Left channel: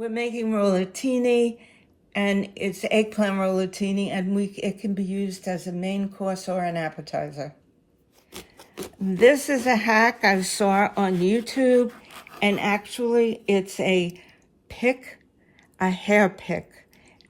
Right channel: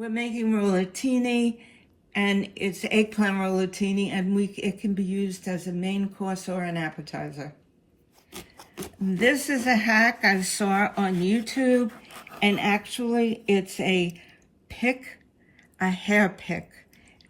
We're making rollatini, and it's eggplant rollatini, and it can be used as a main course or an appetizer. This is a hack I saw on YouTube, and actually it's a hair pick.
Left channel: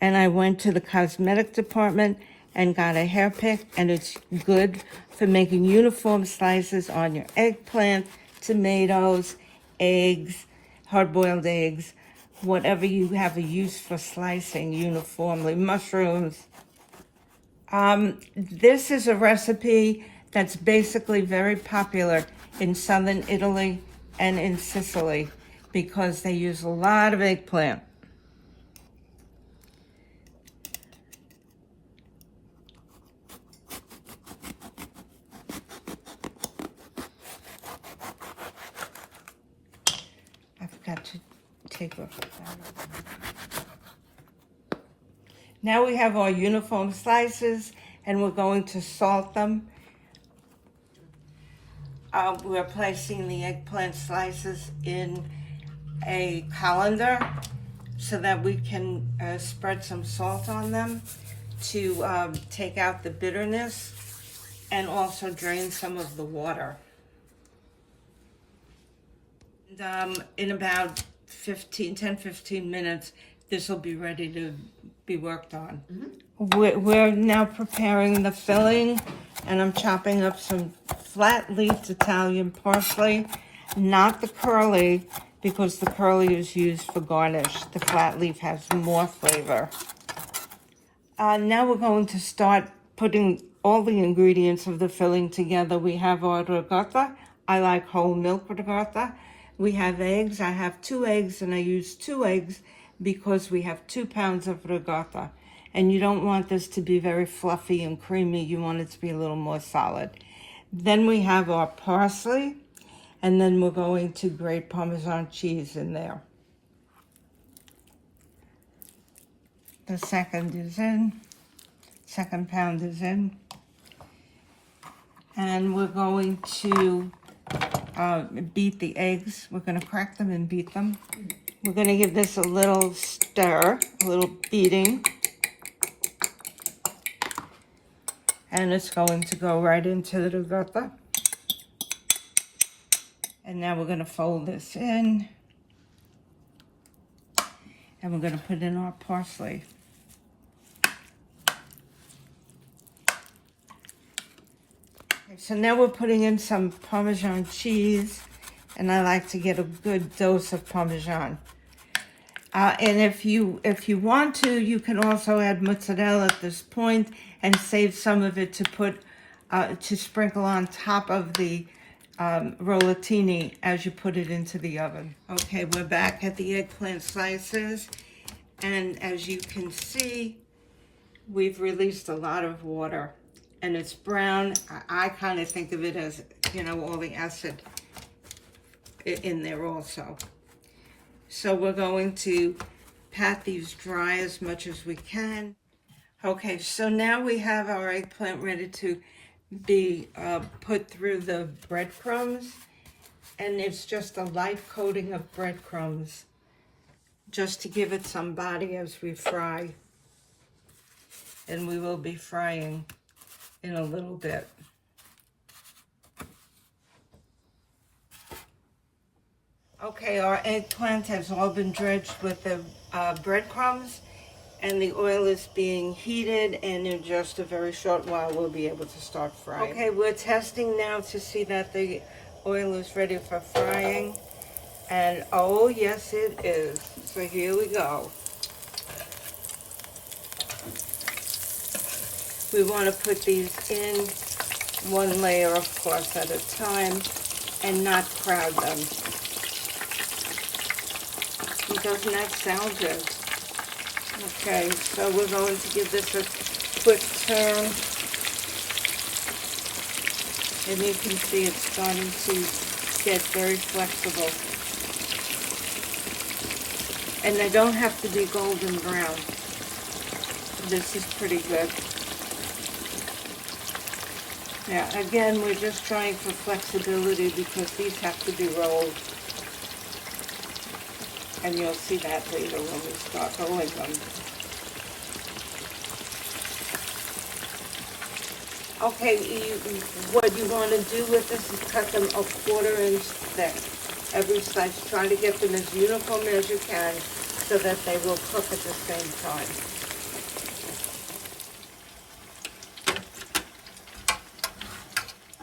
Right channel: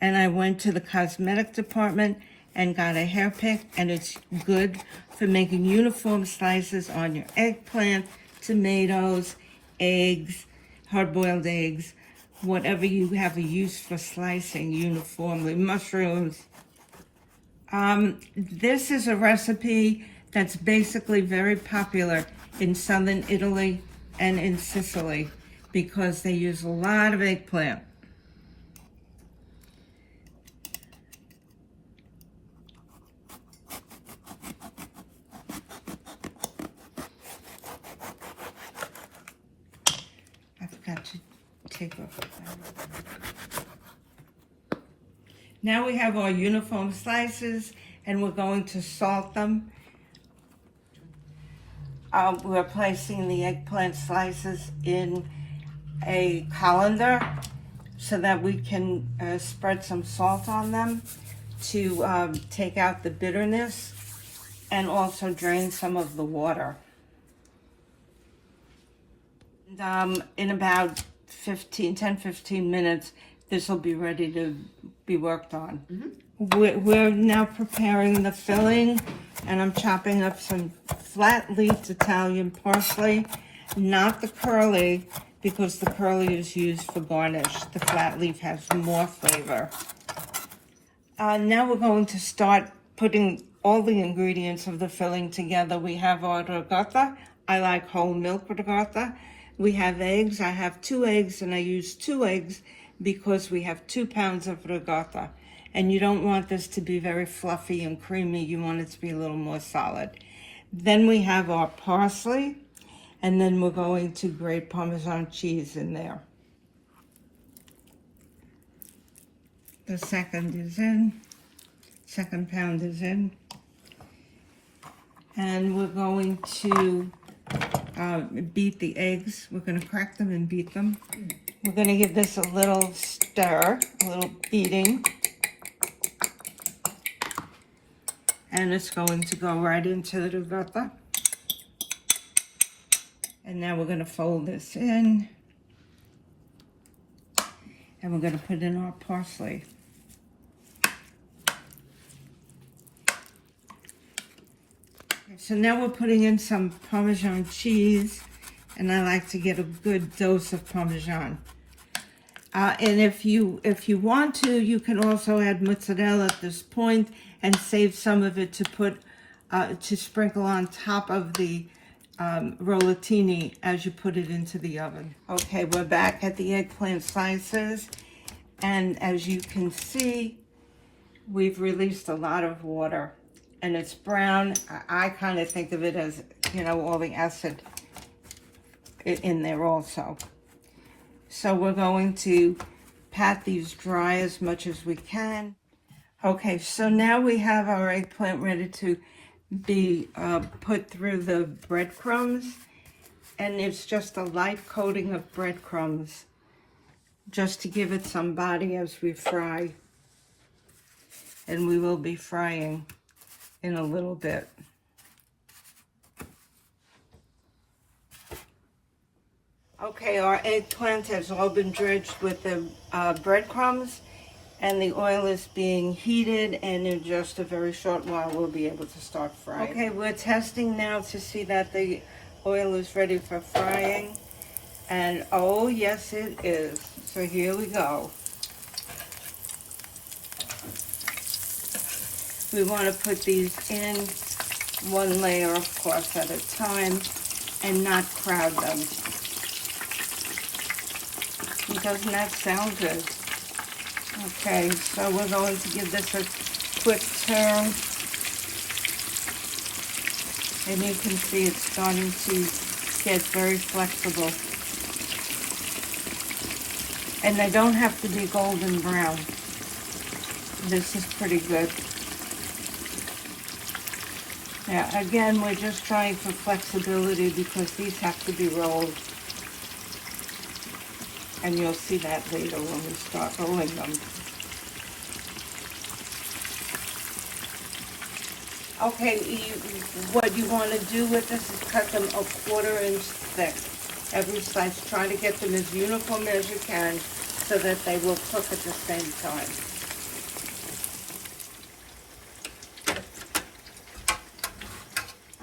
And I went to the cosmetic department and got a hair pick, and it's good for making uniform slices on your eggplant, tomatoes, eggs, hard-boiled eggs, whatever you have a use for slicing uniformly, mushrooms. This is a recipe that's basically very popular in southern Italy and in Sicily because they use a lot of eggplant. I forgot to take off. Now we have our uniform slices, and we're going to salt them. We're placing the eggplant slices in a colander so that we can spread some salt on them to take out the bitterness and also drain some of the water. And, in about 10-15 minutes, this will be ready to be worked on. We're now preparing the filling, and I'm chopping up some flat-leafed Italian parsley, not the curly, because the curly is used for garnish. The flat leaf has more flavor. Now we're going to start putting all the ingredients of the filling together. We have our ricotta. I like whole milk ricotta. We have eggs. I have 2 eggs, and I use 2 eggs because we have 2 pounds of ricotta. And you don't want this to be very fluffy and creamy. You want it to be a little more solid. Then we have our parsley, and then we're going to grate Parmesan cheese in there. The second pound is in. And we're going to beat the eggs. We're going to crack them and beat them. We're going to give this a little stir, a little beating. And it's going to go right into the ricotta. And now we're going to fold this in. And we're going to put in our parsley. So now we're putting in some Parmesan cheese. And I like to get a good dose of Parmesan. And if you want to, you can also add mozzarella at this point and save some of it to put to sprinkle on top of the rollatini as you put it into the oven. Okay, we're back at the eggplant slices, and as you can see, we've released a lot of water, and it's brown. I kind of think of it as, you know, all the acid in there also. So we're going to pat these dry as much as we can. Okay, so now we have our eggplant ready to be put through the breadcrumbs. And it's just a light coating of breadcrumbs, just to give it some body as we fry. And we will be frying in a little bit. Okay, our eggplant has all been dredged with the breadcrumbs, and the oil is being heated, and in just a very short while we'll be able to start frying. Okay, we're testing now to see that the oil is ready for frying, and oh yes it is. So here we go. We want to put these in one layer, of course, at a time, and not crowd them. Doesn't that sound good? Okay, so we're going to give this a quick turn. And you can see it's starting to get very flexible. And they don't have to be golden brown. This is pretty good. Now, again, we're just trying for flexibility because these have to be rolled. And you'll see that later when we start rolling them. Okay, what you want to do with this is cut them a 1/4 inch thick. Every slice, try to get them as uniform as you can so that they will cook at the same time.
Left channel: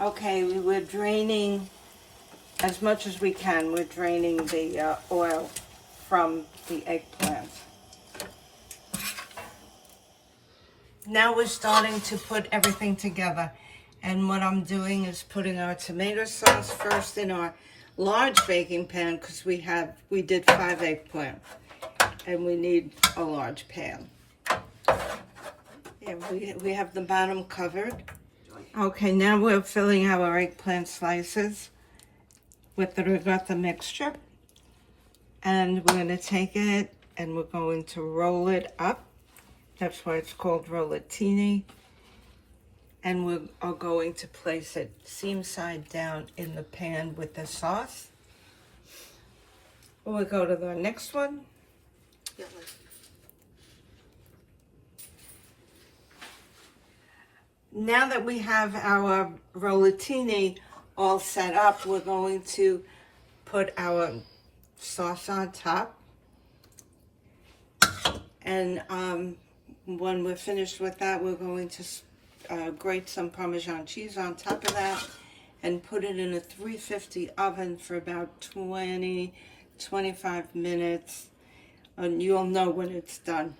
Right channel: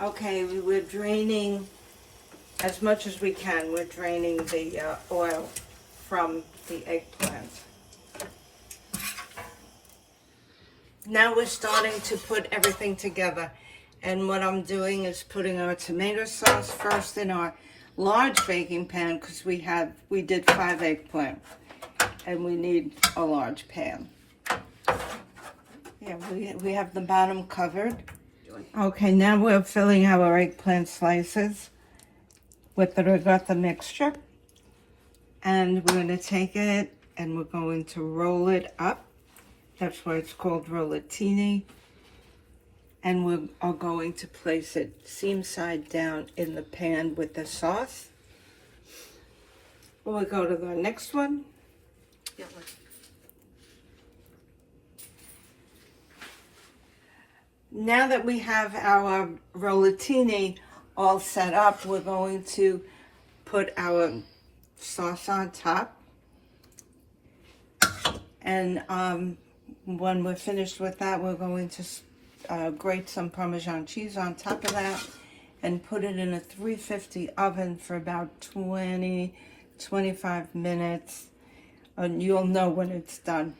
Okay, we're draining as much as we can. We're draining the oil from the eggplants. Now we're starting to put everything together. And what I'm doing is putting our tomato sauce first in our large baking pan because we did 5 eggplant and we need a large pan. Yeah, we have the bottom covered. Okay, now we're filling our eggplant slices with the ricotta mixture. And we're going to take it and we're going to roll it up. That's why it's called rollatini. And we are going to place it seam side down in the pan with the sauce. We'll go to the next one. Now that we have our rollatini all set up, we're going to put our sauce on top. And when we're finished with that, we're going to grate some Parmigiana cheese on top of that and put it in a 350 oven for about 20-25 minutes. And you'll know when it's done.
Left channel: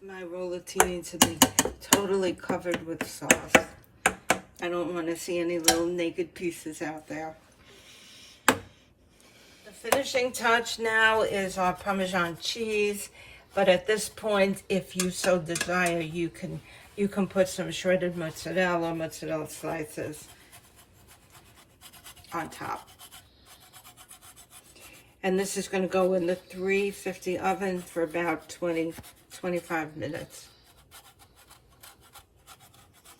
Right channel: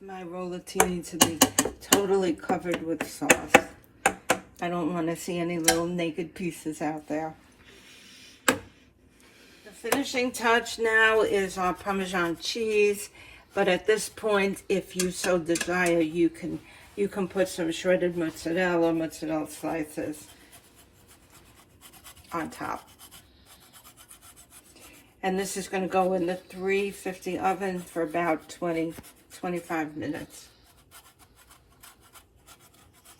My rollatini to be totally covered with sauce. I don't want to see any little naked pieces out there. The finishing touch now is our Parmesan cheese, but at this point, if you so desire, you can put some shredded mozzarella slices on top. And this is going to go in the 350 oven for about 20-25 minutes.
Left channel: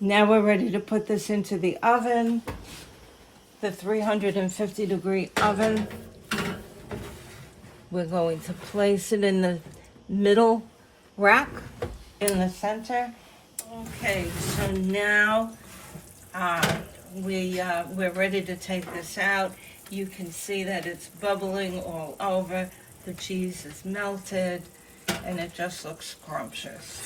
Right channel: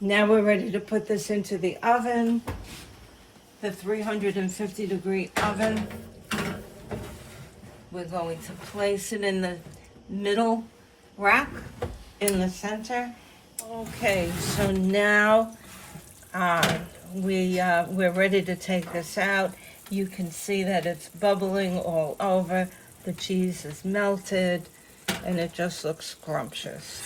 Now we're ready to put this into the oven, the 350 degree oven. We're going to place it in the middle rack in the center. Okay, so now we're ready to take this out. You can see that it's bubbling all over. The cheese is melted and it just looks scrumptious.